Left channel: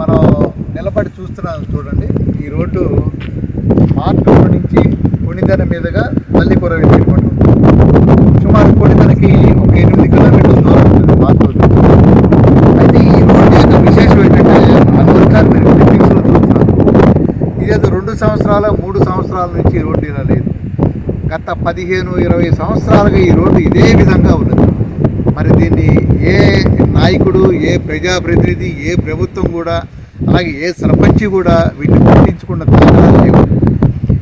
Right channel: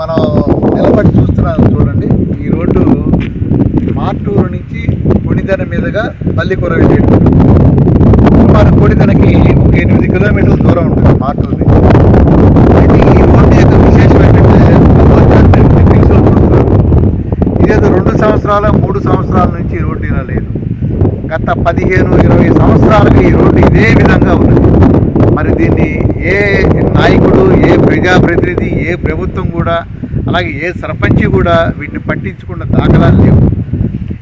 మనం నిలబడి చూస్తున్నాం చూడండి. ఈ రోడ్డు మార్టూరు నుంచి పుణిదన మీదుగా పల్లికూర వెళ్ళేటువంటి ఎనిమిది కిలోమీటర్ల దూరం ఉంటుంది మార్టూరు అయితే ఈ రోడ్డు యొక్క విశేషం ఏంటంటే ఆ మీరు క్లిప్పింగ్స్లో చూస్తున్నారు ఇదేదో రెండు సంవత్సరాల మూడు సంవత్సరాల నుంచి ఈ రోడ్డు ఇలా లేదు. గత పదిహేను ఇరవై సంవత్సరాలుగా ఈ రోడ్డు ఇదే విధంగా ఉన్నది. మరి దీన్ని ఏ నాయకుడు ఏ ప్రజాప్రతినిధి ఏ ప్రభుత్వం కూడా అలాగే ఏ సర్పంచి కూడా వీటిని పట్టించుకున్న దాఖలాలు లేవు.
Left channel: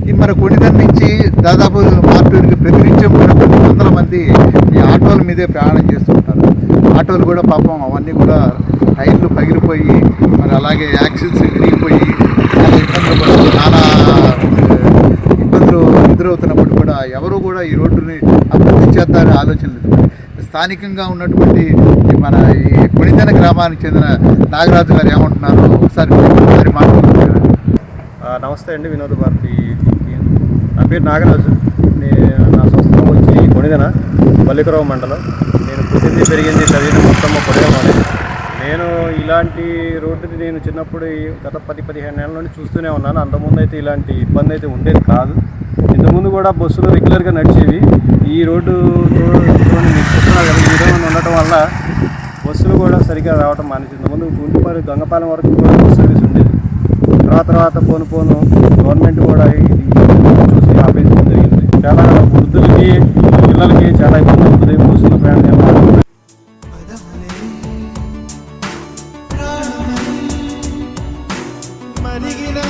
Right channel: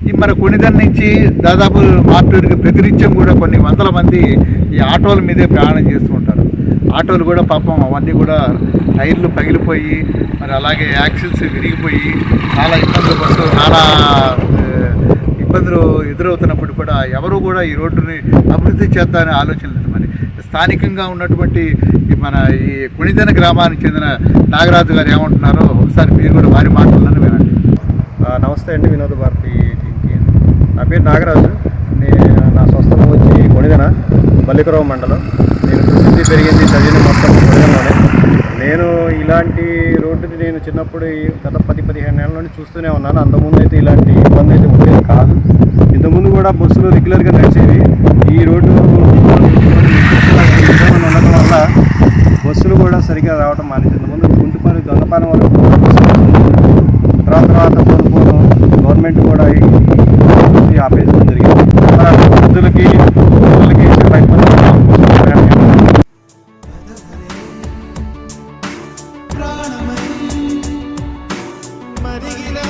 ఈ మన కొనిదన్ నుంచి దాదాపు మార్టూరికి ప్రతినిత్యం కూడా కొన్ని వందల మంది ఈ ఆటోల మీదే ప్రయాణం చేస్తుంటారు ఆటోలు కూడా పాపం అవన్నీ కూడా టైర్లు పగిలిపోయి మరి అలాగే యాక్సిల్స్ విరిగిపోయి చాలా ఇబ్బందులు పడుతూ నానా ఇబ్బందులు ఎదురవుతున్నప్పుడు కూడా ఎవరు కూడా ఈ రోడ్డుని అభివృద్ధి చేద్దామని ఆలోచన లేదు. మరి స్థానికంగా ఉన్నటువంటి ఈ మన ఈ కొణిదెన గ్రామానికి చెందిన నాగరాజు గారు ఏమంటున్నారో ఒకసారి మీరు వారి మాట్లాడారు నమస్తే అండి వినోద భారతి నా పేరు నాగరాజు. నేను నా స్వస్థలం వచ్చి కొణిదెన బల్లికరావు మండలం. నేను పుట్టింది పెరిగింది చదివింది మొత్తం కొణిదెనలోనే నేను ఇలాంటి రోడ్డుని నేను చిన్నప్పుడు గత పది పదిహేను నెలల నుండి చూస్తూనే ఉన్నాను. అంతకుముందు అయితే ఇలాంటి ఇబ్బంది అయితే ఉండేది కాదు. ఇంతకుముందు కూడా బస్సులు రెగ్యులర్గా నడిచేవి. ఈ రోడ్డు చూడండి చూస్తున్నారు కదా ఈ విధంగా ఉండటం వల్ల బస్సులు కూడా సరిగ్గా రావడం మానేసింది ఇంతకుముందు గుంటుపాలి గంగపాలెం వరకు బస్సులు తర్వాత తర్వాత పోను పోను గవర్నమెంట్ కూడా చూసి ఆపేయడం జరిగింది. చాలా వృద్ధులకి పిల్లలకి చాలా ఇబ్బంది మరిగినా